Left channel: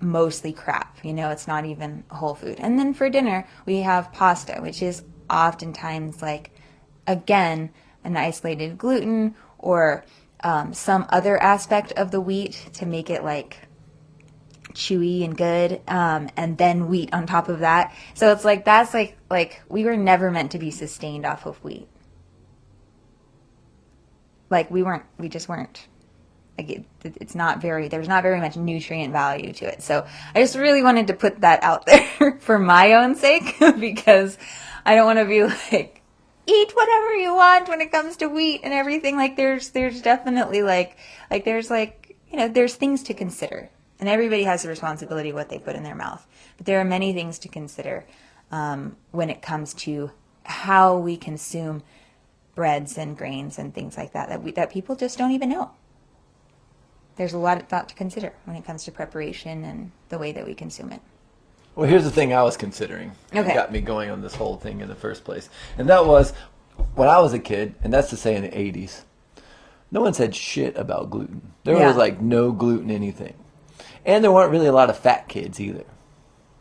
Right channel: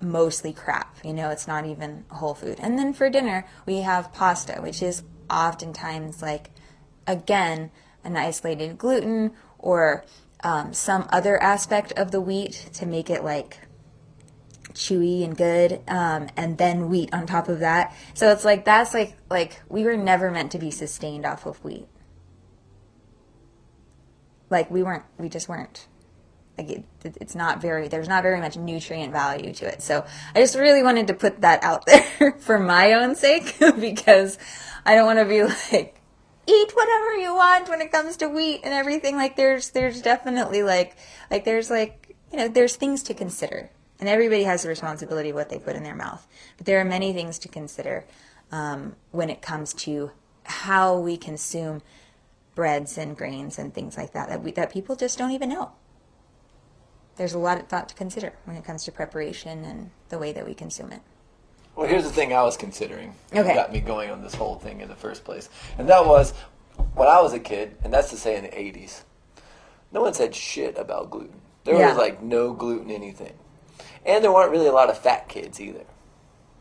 mostly crap. It's not even whole food. And then for dinner, we have pasta, which is oftentimes like, again, an isolated gluten or some other aspect of the wheat to make it like chewy and good, and then wheat on top of that. So it's like that's like we were never meant to be sustained off of wheat. Like we just weren't. Like it's not very, there's not very much nutrient value to it. So I just really wanted to put that out there for my own sake because I don't want to be like, eat whatever you want when it comes to wheat and everything. Like there's definitely there's things to consider, and everybody has a responsibility of what they put in their mouth. But there are many things to consider when it comes to how we consume breads and grains and things like that people just don't even know. There's a lot of thought to consider when it comes to preparation and the way that we consume it. Well, here's the thing I was considering. Okay. It got me going on this whole thing in the first place. And that was, when I was a kid, and that's to say in the 80s, no one said shit about gluten. There was like no gluten anything. And there weren't really a lot of fat kids either.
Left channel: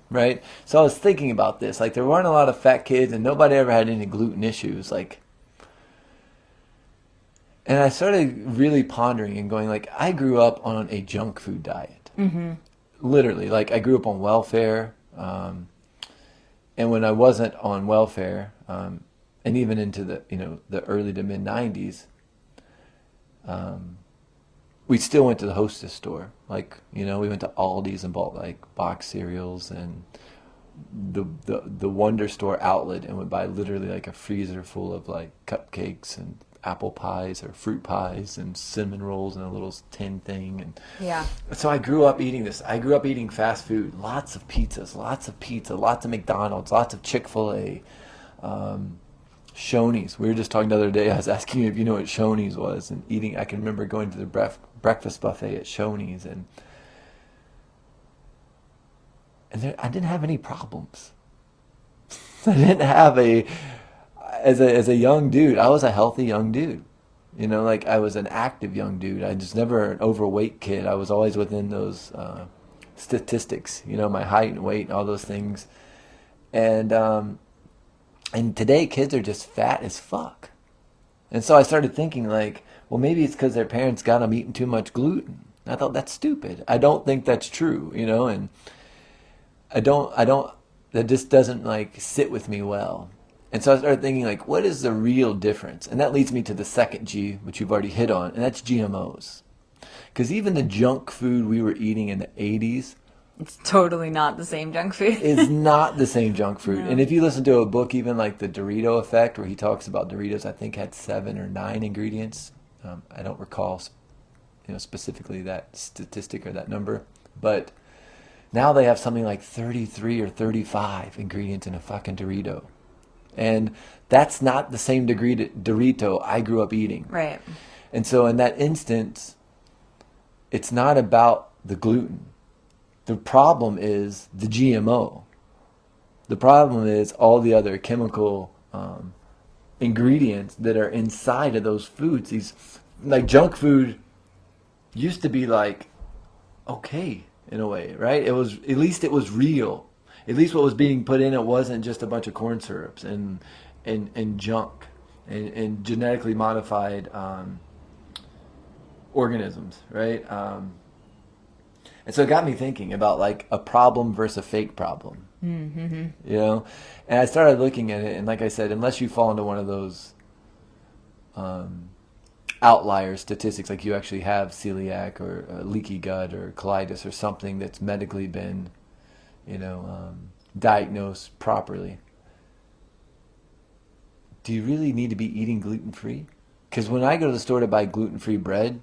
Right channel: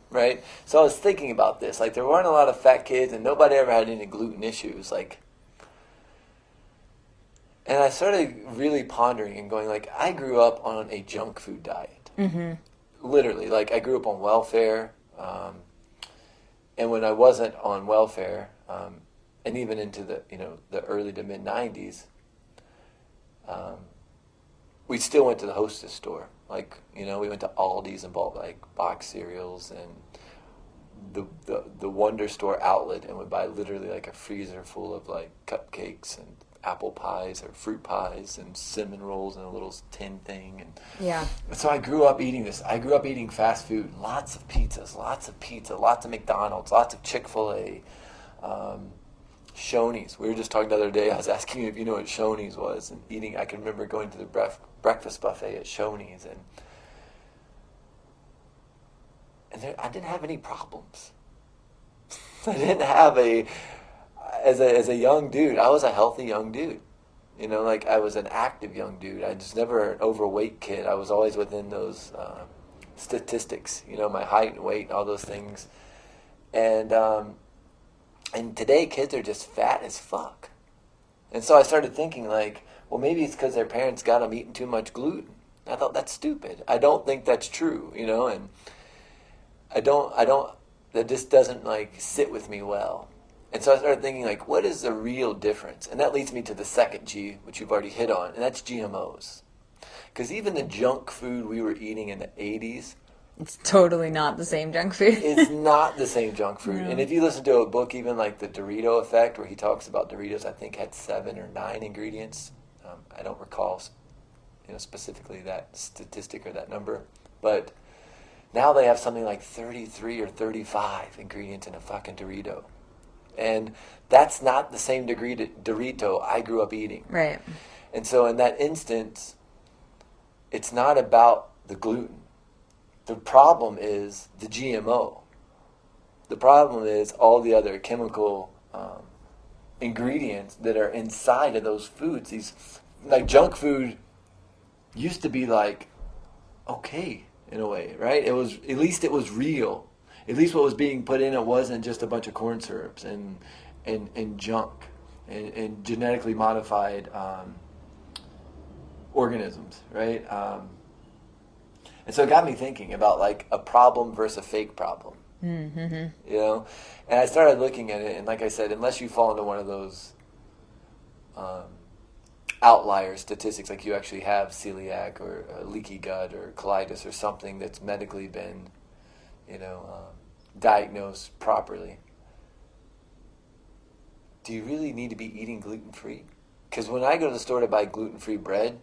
Right? So I was thinking about this. Like, there weren't a lot of fat kids, and nobody ever had any gluten issues. Like, and I started really pondering and going, like, I grew up on a junk food diet. Mm-hmm. Literally. Like, I grew up on welfare. And when I wasn't on welfare, and even into the early to mid 90s, we still went to the Hostess store. Like, we went to Aldi's and bought like box cereals and the Wonder Store outlet, and would buy literally like a freezer full of like cupcakes and apple pies or fruit pies and cinnamon rolls in a little tin thing. And Yeah. so I grew up eating this. I grew up eating fast food, lots of pizzas, lots of McDonald's, lots of Chick-fil-A, Shoney's. We were just talking the other day. I was asking you if you know what Shoney's was, and eating. I can remember going to the breakfast buffet at Shoney's, and I didn't have any problems. I didn't have as a young dude. I was a healthy young dude. Like, I was an active young dude. I just never an overweight kid. I was always within those statistics. My height and weight and all those things. And today kids are just fat as fuck. And so I started thinking, like, well, maybe it's because their parents got them eating too much gluten. I thought, that's stupid. I don't think that's true, and I don't, that just doesn't like sit with me well. And so I started thinking, like, what is the real difference? And that leads me to the second G, which you've already hit on, and that's GMOs. Because even the junk food we were eating in the 80s, It's totally not the same junk food. is not the same junk food. No. And if you listen to a book, even like the Dorito Effect, where he talks about Doritos, I think had 7 or 9 ingredients. I don't recall, specifically that statistic or that number, but now they have something like 33 or 35 ingredients in a fucking Dorito. And that's not the same Dorito I grew up eating. Right. And so in that instance, it's not about the gluten. The problem is the GMO. The problem is all the other chemical ingredients that are inside of those foods. These, like, junk food used to be like, okay, in a way, right? It was, at least it was real. At least what was being put in it wasn't just a bunch of corn syrups and junk and genetically modified organisms, right? And so it got me thinking about like a problem versus a fake problem. Mm-hmm. And I started looking at it, and like I said, unless you fall into one of those outlier statistics, like you actually have celiac or leaky gut or colitis or something that's medically been, diagnosed properly, do you really need to be eating gluten-free? Because when I go to the store to buy gluten-free bread,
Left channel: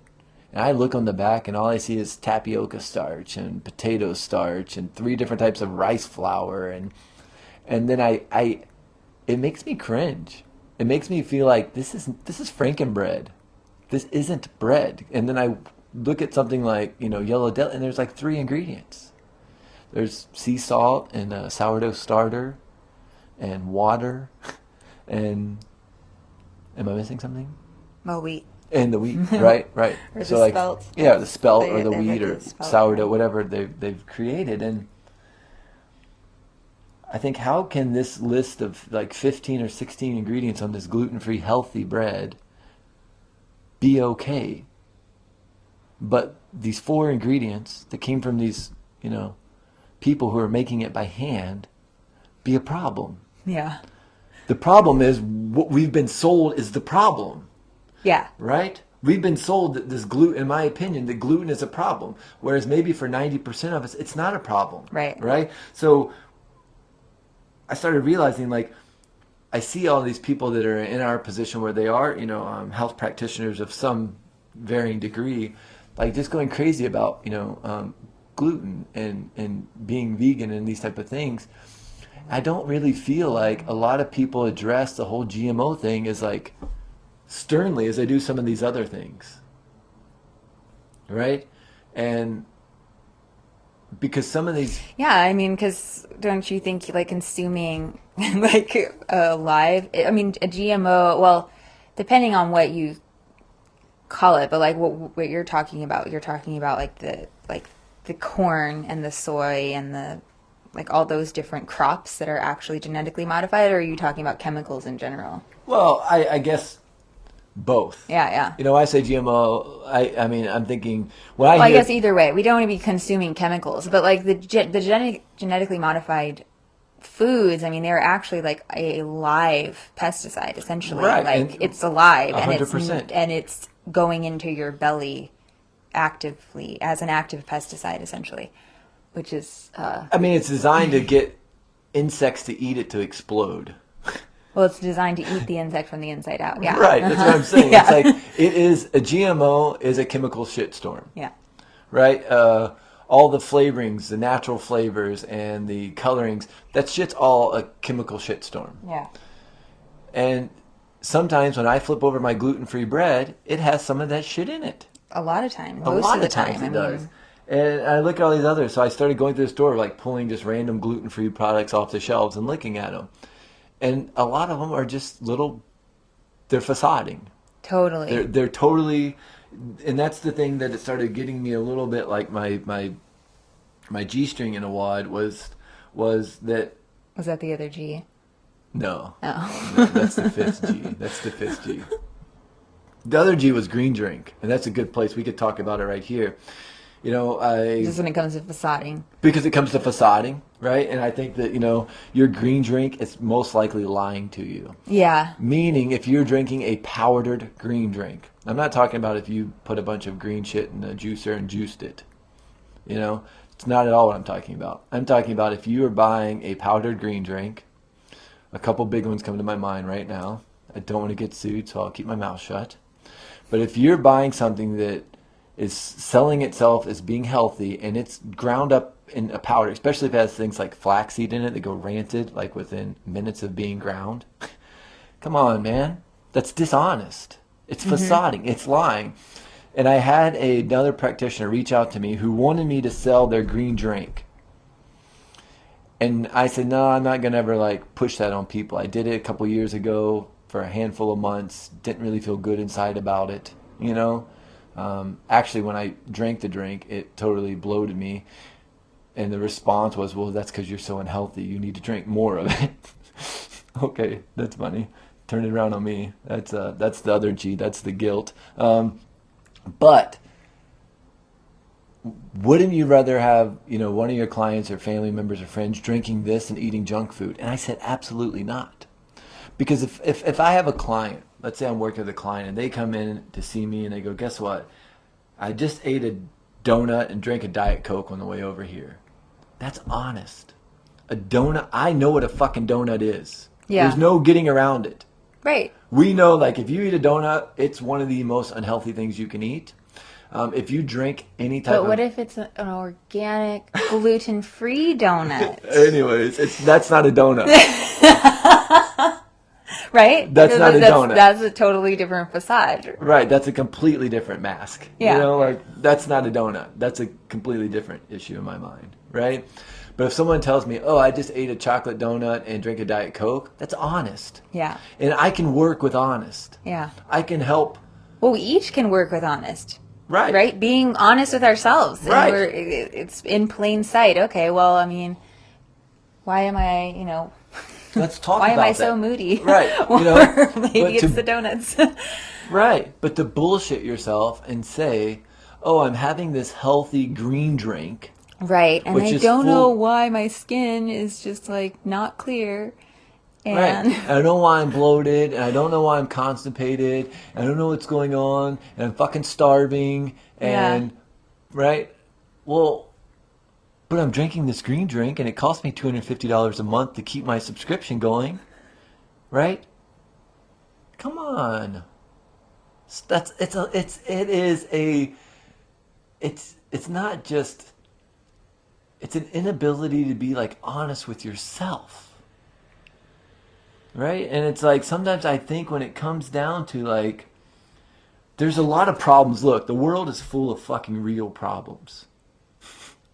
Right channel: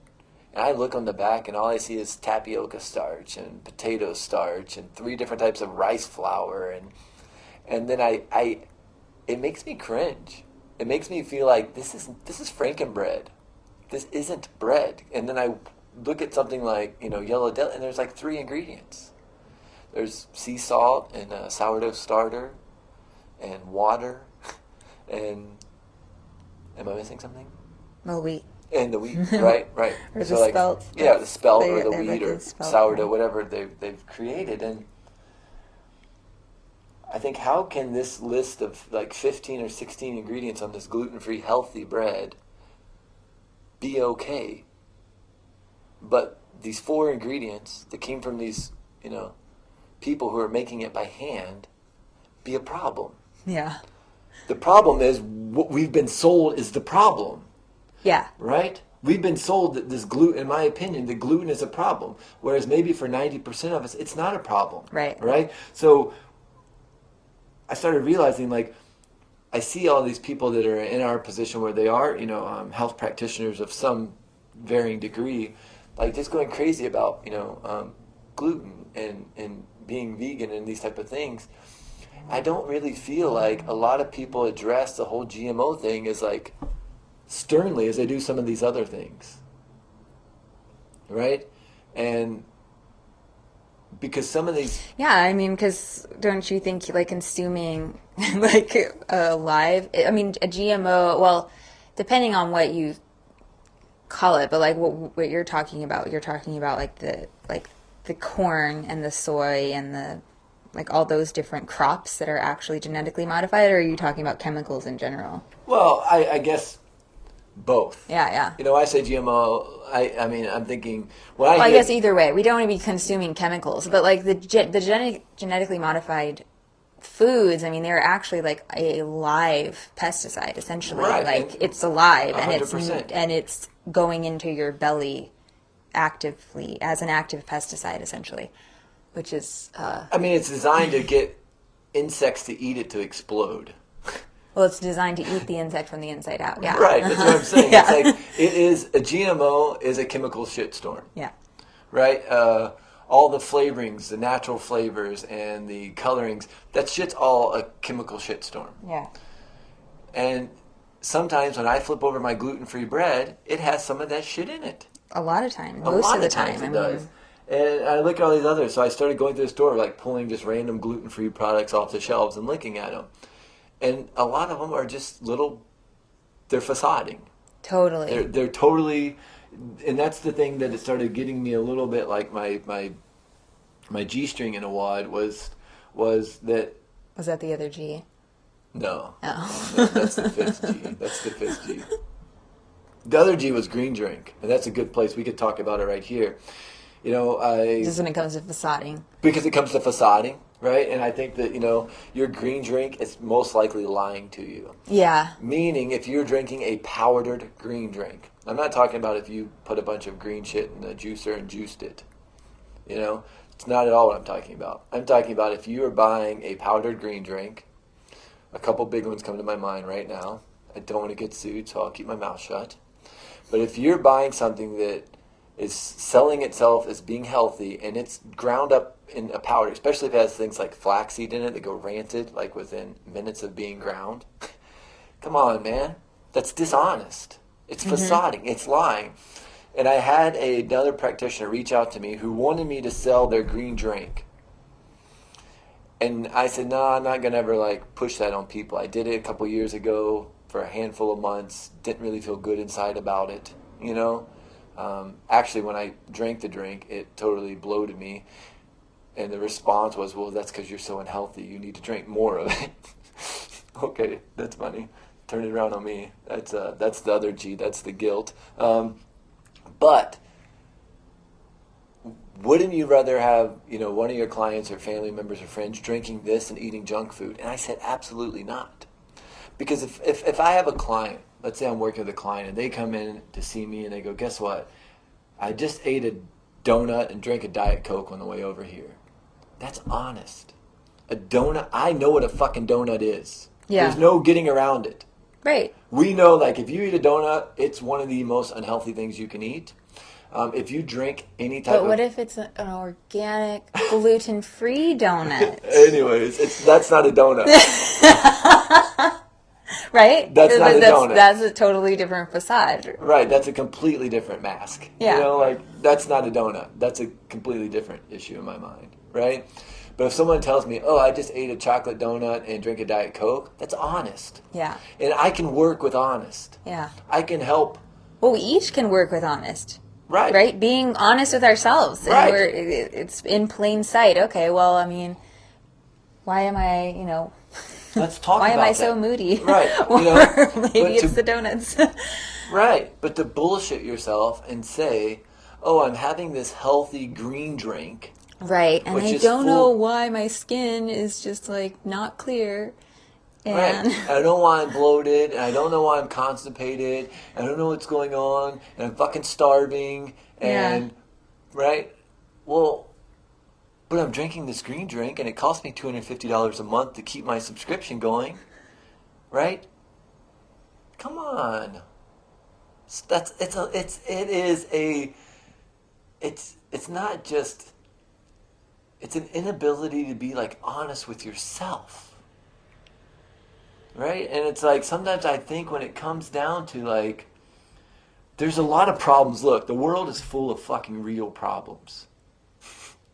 and I look on the back, and all I see is tapioca starch and potato starch and 3 different types of rice flour, and then it makes me cringe. It makes me feel like this is Frankenbread. This isn't bread. And then I look at something like yellow deli, and there's like 3 ingredients. There's sea salt and a sourdough starter and water, and am I missing something? Well, wheat. And the wheat, right, right. Or So the like, spelt. yeah, the spelt or the They wheat like or the spelt sourdough, bread. whatever they've created. And I think, how can this list of like 15 or 16 ingredients on this gluten-free healthy bread be okay? But these 4 ingredients that came from these, people who are making it by hand be a problem. Yeah. The problem is what we've been sold is the problem, Yeah. right? We've been sold that this gluten, in my opinion, the gluten is a problem. Whereas maybe for 90% of us, it's not a problem. Right. Right? So I started realizing, like, I see all these people that are in our position where they are, health practitioners of some varying degree, like just going crazy about, gluten and being vegan and these type of things. I don't really feel like a lot of people address the whole GMO thing as like sternly as they do some of these other things, right? And because some of these, Yeah, I mean, because don't you think like consuming like live, I mean, a GMO, well, depending on what you call it, but like what you're talking about like the corn and the soy and the like all those different crops that are actually genetically modified, or are you talking about chemicals in general? well, I guess both. Yeah, yeah. When I say GMO, I mean, I'm thinking, when I Well, I hear, guess either way, we don't want to be consuming chemicals, but like the genetically modified foods, I mean, they're actually like a live pesticide, essentially. right, Like and it's alive and 100%. it's going into your belly actively as an active pesticide, essentially, which is I mean, it's designed to get insects to eat it to explode. well, it's designed to eat the insect from the inside out. Yeah. Right, that's what I'm saying. Yeah. It's like, a GMO is a chemical shitstorm. Yeah. Right? All the flavorings, the natural flavors and the colorings, that shit's all a chemical shitstorm. Yeah. And sometimes when I flip over my gluten-free bread, it has some of that shit in it. A lot of time, A most lot of the times time. I it does. mean, And I look at all these others. So I started going to the store, like pulling just random gluten-free products off the shelves and looking at them. And a lot of them are just they're facading. totally. They're totally, and that's the thing that it started getting me a little bit like my G-string in a wad was that, Was that the other G? no, Oh. that's the 5th G. That's the 5th G. The other G was green drink, and that's a good place. We could talk about it right here. Just when it comes to facading. Because it comes to facading, right? And I think that, your green drink is most likely lying to you. Yeah. Meaning, if you're drinking a powdered green drink, I'm not talking about if you put a bunch of green shit in a juicer and juiced it. It's not at all what I'm talking about. I'm talking about if you are buying a powdered green drink. A couple big ones come to my mind right now. I don't want to get sued, so I'll keep my mouth shut. But if you're buying something that is selling itself as being healthy and it's ground up in a powder, especially if it has things like flaxseed in it that go ranted like within minutes of being ground. Come on, man. That's dishonest. It's facading. It's lying. And I had another practitioner reach out to me who wanted me to sell their green drink. And I said, no, I'm not going to ever like push that on people. I did it a couple years ago for a handful of months. Didn't really feel good inside about it, Actually, when I drank the drink, it totally bloated me. And the response was, well, that's because you're so unhealthy. You need to drink more of it. Okay, that's funny. Turn it around on me. That's the other G. That's the guilt. But wouldn't you rather have, one of your clients or family members or friends drinking this and eating junk food? And I said, absolutely not. Because if I have a client, let's say I'm working with a client and they come in to see me and they go, guess what? I just ate a donut and drank a Diet Coke on the way over here. That's honest. A donut, I know what a fucking donut is. Yeah. There's no getting around it. Right. We know, like, if you eat a donut, it's one of the most unhealthy things you can eat. If you drink any type But what if it's an organic, gluten-free donut? Anyways, that's not a donut. Right? That's not a donut. That's a totally different facade. Right, that's a completely different mask. Yeah. That's not a donut. That's a completely different issue in my mind, right? But if someone tells me, oh, I just ate a chocolate donut and drank a Diet Coke, that's honest. Yeah. And I can work with honest. Yeah. I can help Well, we each can work with honest. Right. Right? Being honest with ourselves. And Right. it's in plain sight. Okay, well, I mean, why am I, Let's talk why am about I that. so moody? Right. Or You know, maybe it's the donuts. right. But to bullshit yourself and say, oh, I'm having this healthy green drink. Right. And which I is don't know full- why my skin is just like not clear. Right. And I don't know why I'm bloated, and I don't know why I'm constipated, and I don't know what's going on, and I'm fucking starving, yeah. and right? Well, but I'm drinking this green drink, and it costs me $250 a month to keep my subscription going, right? Come on, it's not just, it's an inability to be like honest with yourself. Right? And it's like sometimes I think when it comes down to like, there's a lot of problems. Look, the world is full of fucking real problems.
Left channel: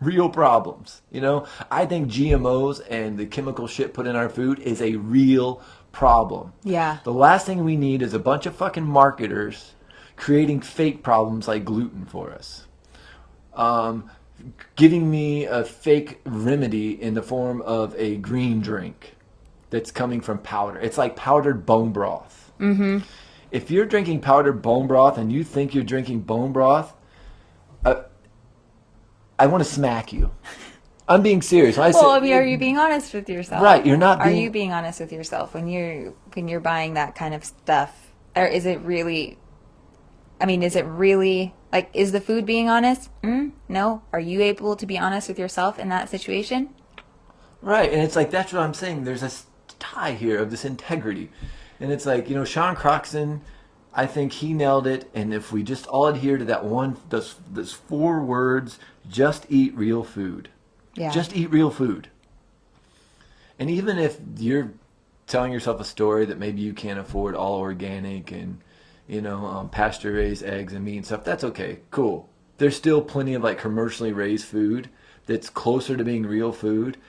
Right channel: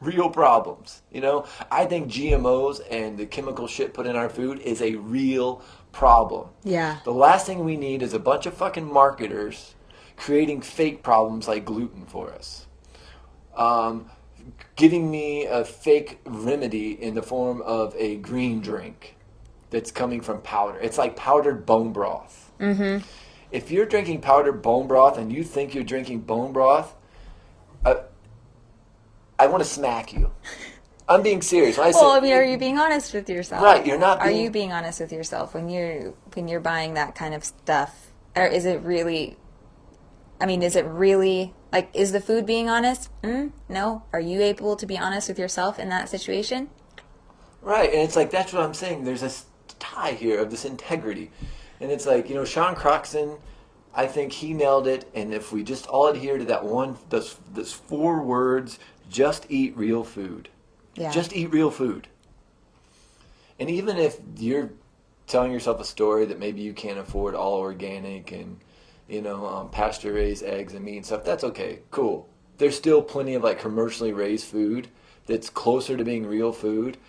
Real problems. I think GMOs and the chemical shit put in our food is a real problem. Yeah. The last thing we need is a bunch of fucking marketers creating fake problems like gluten for us. Giving me a fake remedy in the form of a green drink that's coming from powder. It's like powdered bone broth. Mm-hmm. If you're drinking powdered bone broth and you think you're drinking bone broth, I want to smack you. I'm being serious. Well, I mean, are you being honest with yourself? Right, you're not. Are you being honest with yourself when you're buying that kind of stuff? Or is it really? I mean, is it really like? Is the food being honest? No. Are you able to be honest with yourself in that situation? Right, and it's like that's what I'm saying. There's this tie here of this integrity, and it's like Sean Croxton. I think he nailed it. And if we just all adhere to that one, those 4 words, just eat real food. Yeah. Just eat real food. And even if you're telling yourself a story that maybe you can't afford all organic and pasture raised eggs and meat and stuff, that's okay. Cool. There's still plenty of like commercially raised food that's closer to being real food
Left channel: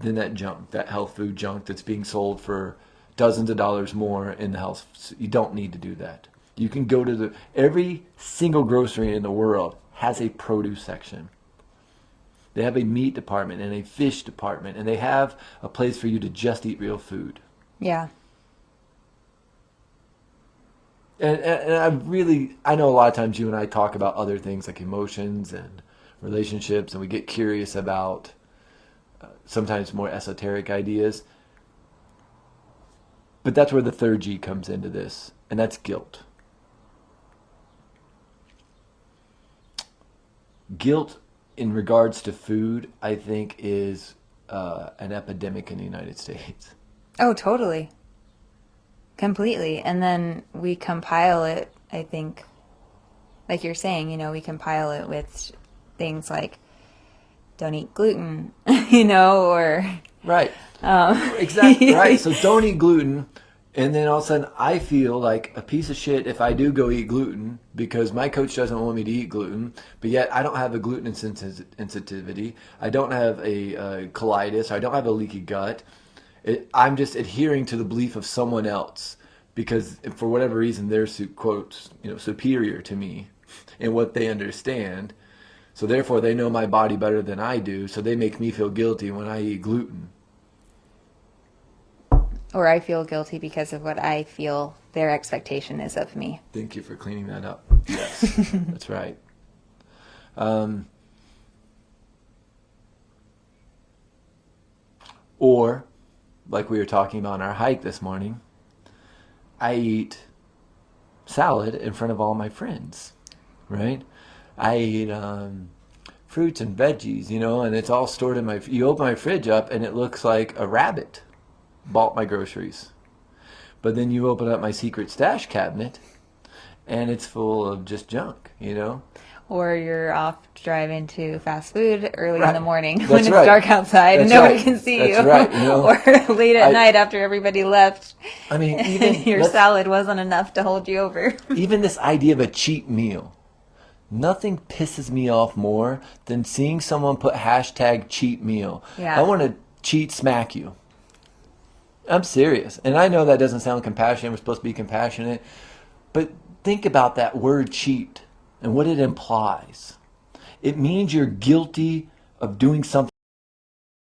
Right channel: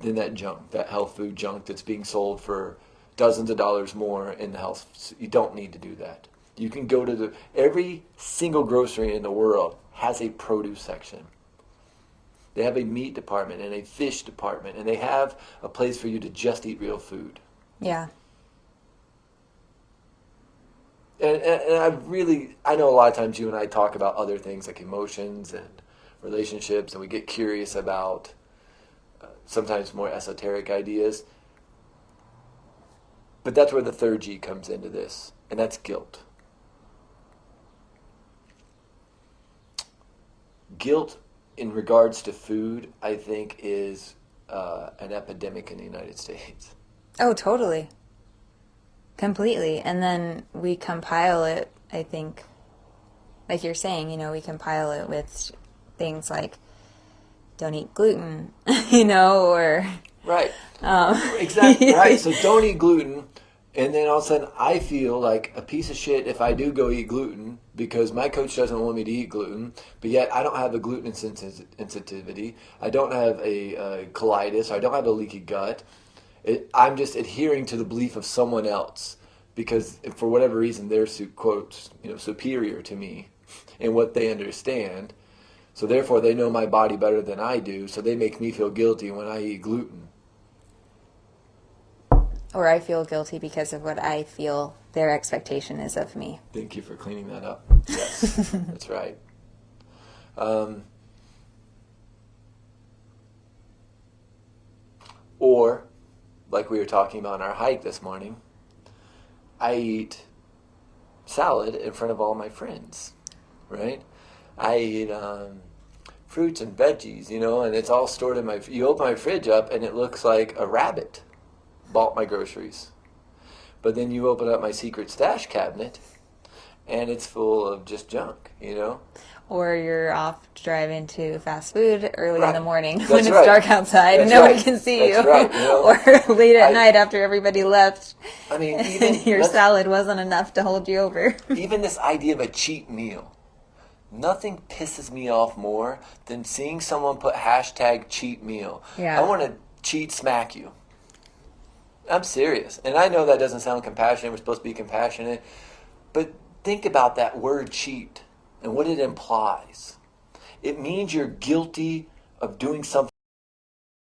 than that junk, that health food junk that's being sold for dozens of dollars more in the health. You don't need to do that. You can go to every single grocery in the world has a produce section. They have a meat department and a fish department, and they have a place for you to just eat real food. Yeah. And I know a lot of times you and I talk about other things like emotions and relationships, and we get curious about sometimes more esoteric ideas. But that's where the third G comes into this, and that's guilt. Guilt in regards to food, I think, is an epidemic in the United States. Oh, totally. Completely. And then we compile it, I think, like you're saying, we compile it with things like don't eat gluten, or... Right. Exactly. Right. So don't eat gluten. And then all of a sudden I feel like a piece of shit if I do go eat gluten because my coach doesn't want me to eat gluten, but yet I don't have a gluten sensitivity. I don't have a colitis. I don't have a leaky gut. I'm just adhering to the belief of someone else because for whatever reason they're quote superior to me in what they understand. So therefore they know my body better than I do. So they make me feel guilty when I eat gluten. Or I feel guilty because of what I feel their expectation is of me. Thank you for cleaning that up. Yes, that's right. Or, like we were talking on our hike this morning, I eat salad in front of all my friends, right? I eat fruits and veggies, and it's all stored in you open my fridge up and it looks like a rabbit bought my groceries. But then you open up my secret stash cabinet and it's full of just junk, Or you're off driving to fast food early in the morning That's when it's right. dark outside and nobody can see you. Right. Or late at night after everybody left. I mean, your salad wasn't enough to hold you over. Even this idea of a cheat meal. Nothing pisses me off more than seeing someone put hashtag cheat meal. Yeah. I want to cheat smack you. I'm serious. And I know that doesn't sound compassionate. We're supposed to be compassionate. But think about that word cheat and what it implies. It means you're guilty of doing something